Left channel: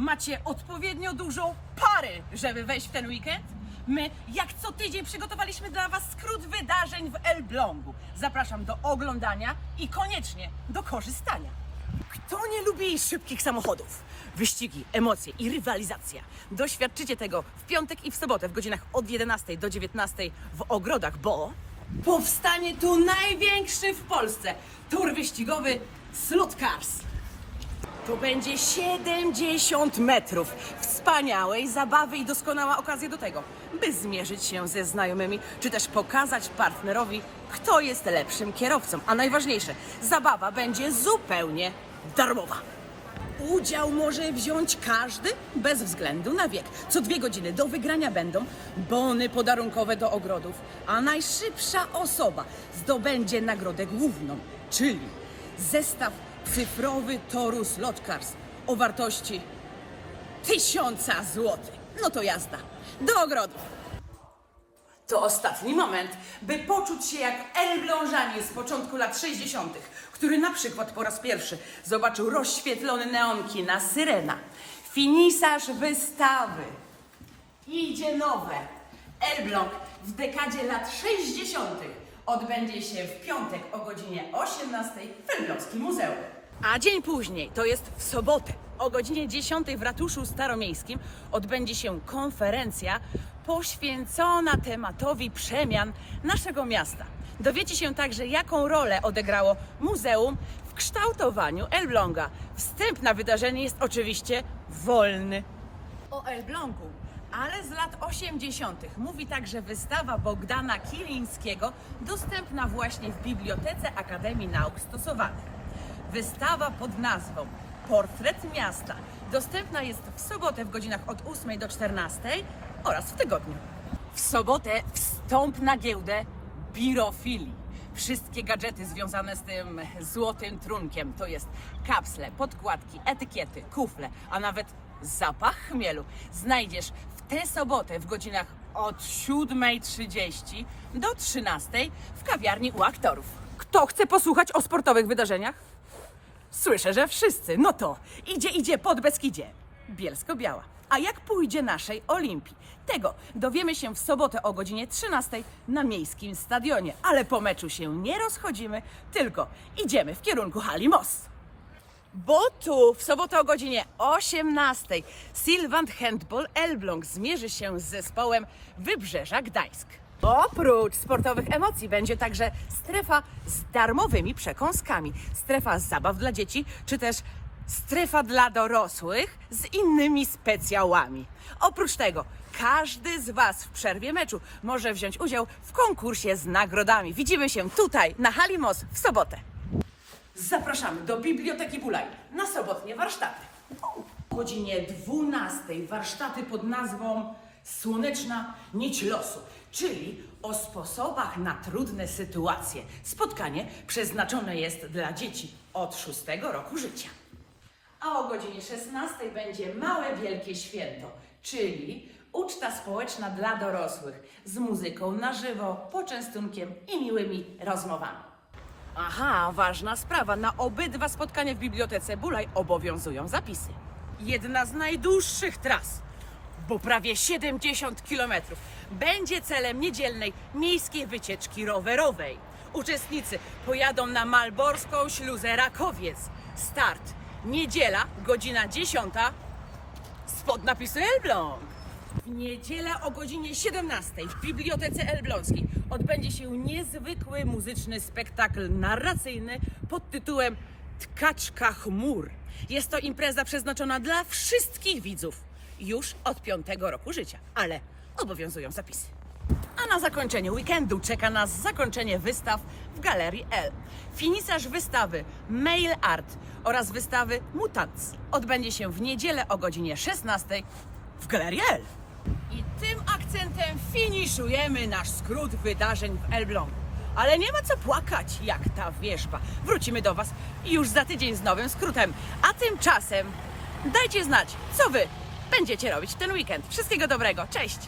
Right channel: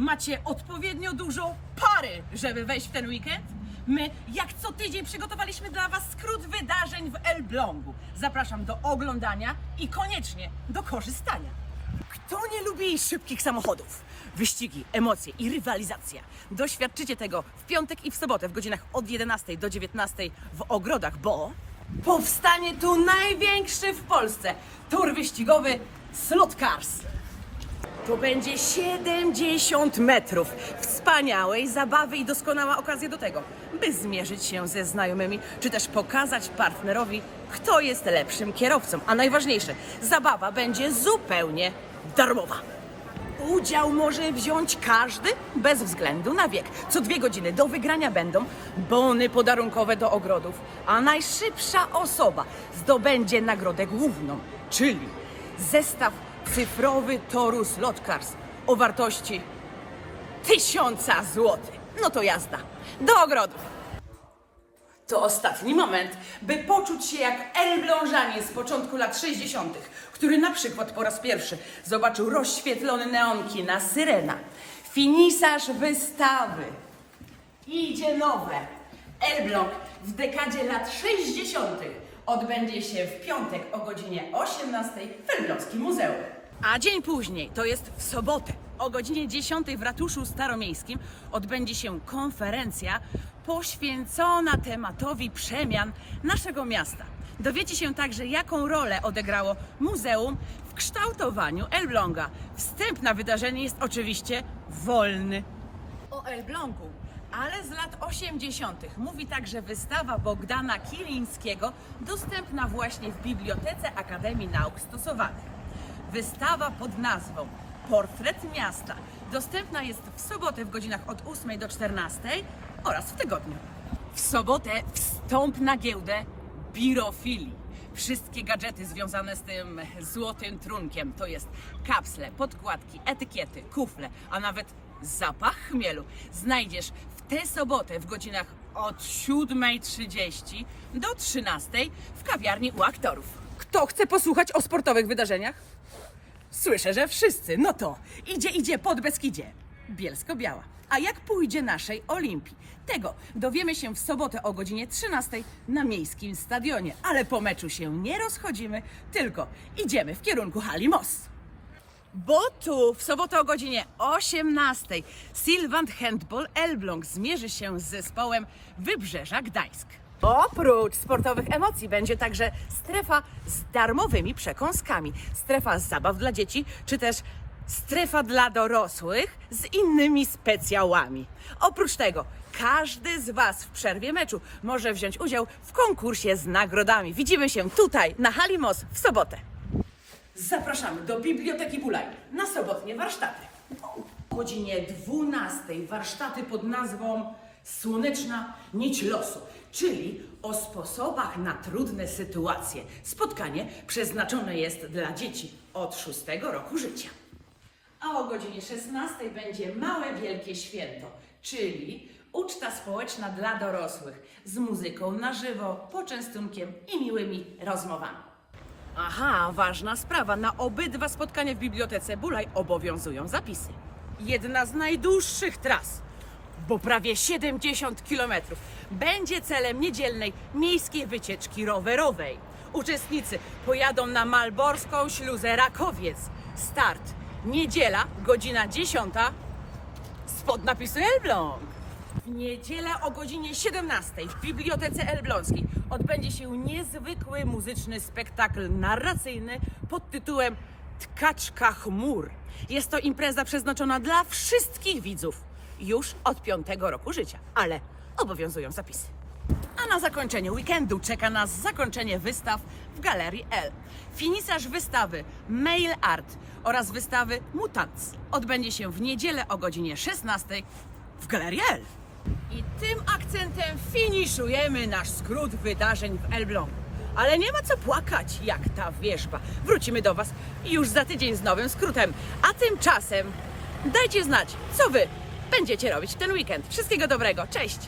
Macie odpowiednio dużo pary, żeby wejść w ten weekend? My, jak co tydzień, przygotowaliśmy dla Was skrót wydarzeń w Elblągu. Zapraszam do oglądania i koniecznie do korzystania. Kto nie lubi szybkich samochodów? Wyścigi, emocje i rywalizacja. Doświadczycie tego w piątek i w sobotę w godzinach od 11 do 19 w ogrodach, bo Powstanie tu największy w Polsce tor wyścigowy Slot Cars. To będzie 70 metrów wspaniałej zabawy i doskonała okazja do tego, by zmierzyć się ze znajomymi, czy też pokazać partnerowi, kto jest lepszym kierowcą. A najważniejsze, zabawa będzie zupełnie darmowa. Udział może wziąć każdy bez względu na wiek. Co dwie godziny do wygrania będą bony podarunkowe do ogrodów, a najszybsza osoba zdobędzie nagrodę główną, czyli zestaw cyfrowy toru Slot Cars o wartości tysiąca złotych. No to jazda. Do ogrodów. To ostatni moment, by poczuć się jak Elblążanin z początku lat 60., który na przykład po raz pierwszy zobaczył rozświetlony neonki na Syrena. Finisarz wystawy. Idzie nowe. Elbląg w dekadzie lat 60. odbędzie się w piątek o godzinie 18 w Elbląskim Muzeum. A dzień później, to jest w sobotę, o godzinie 10 w Ratuszu Staromiejskim odbędzie się konferencja poświęcona tematowi przemian naszego miasta. Dowiecie się także, jaką rolę odegrało muzeum w kształtowaniu Elbląga. Wstęp na wydarzenie jest oczywiście wolny. O Elblągu, ale z lat 80. mówi także wystawa Bogdana Kilińskiego, dostępna właśnie w Bibliotece Akademii Nauk Stosowanych. Wystawa pod nazwą Portret Miasta dostępna jest w sobotę w godzinach od 8 do 14 oraz w tygodniu. W sobotę wstąp na giełdę birofilii. Wszystkie gadżety związane z tym złotym trunkiem, to jest kapsle, podkładki, etykiety, kufle, a nawet zapach chmielu, znajdziesz tę sobotę w godzinach od 7.30 do 13.00 w kawiarni u aktorów. Kto chce posłuchać o sportowych wydarzeniach? Słyszę, że wszyscy. No to idzie, idzie pod Beskidzie. Bielsko-Biała. A jak pójdzie naszej Olimpii? Tego dowiemy się w sobotę o godzinie 13 na miejskim stadionie. Ale po meczu się nie rozchodzimy, tylko idziemy w kierunku hali Most. Bo tu w sobotę o godzinie 18 Sylwant Handball Elbląg zmierzy się z zespołem Wybrzeża Gdańsk. Oprócz sportowych emocji będzie także strefa z darmowymi przekąskami, strefa zabaw dla dzieci, czy też strefa dla dorosłych z innymi specjałami. Oprócz tego każdy z Was w przerwie meczu może wziąć udział w konkursie z nagrodami. Widzimy się tutaj na Halimos w sobotę. Zapraszamy do Biblioteki Bulaj na sobotnie warsztaty. O godzinie 12 warsztaty pod nazwą Słoneczna Nić Losu, czyli o sposobach na trudne sytuacje. Spotkanie przeznaczone jest dla dzieci od 6 roku życia. A o godzinie 16 będzie Małe Wielkie Święto, czyli uczta społeczna dla dorosłych z muzyką na żywo, poczęstunkiem i miłymi rozmowami. Aha, ważna sprawa. Na obydwa spotkania w Bibliotece Bulaj obowiązują zapisy. Jedna z najdłuższych tras, bo prawie 70 kilometrów, będzie celem niedzielnej miejskiej wycieczki rowerowej. Uczestnicy pojadą na Malborską Śluzę Rakowiec. Start niedziela, godzina 10 spod napisu Elbląg. W niedzielę o godzinie 17 w Bibliotece Elbląskiej odbędzie się niezwykły muzyczny spektakl narracyjny pod tytułem Tkaczka chmur. Jest to impreza przeznaczona dla wszystkich widzów już od piątego roku życia, ale obowiązują zapisy. A na zakończenie weekendu czeka nas zakończenie wystaw w Galerii L. Finisarz wystawy Mail Art oraz wystawy Mutants odbędzie się w niedzielę o godzinie 16 w Galerii L. I tym akcentem finiszujemy nasz skrót wydarzeń w Elblągu. Ale nie ma co płakać, jak ta wierzba. Wrócimy do Was już za tydzień z nowym skrótem. A tymczasem dajcie znać, co Wy będziecie robić w ten weekend. Wszystkiego dobrego. Cześć!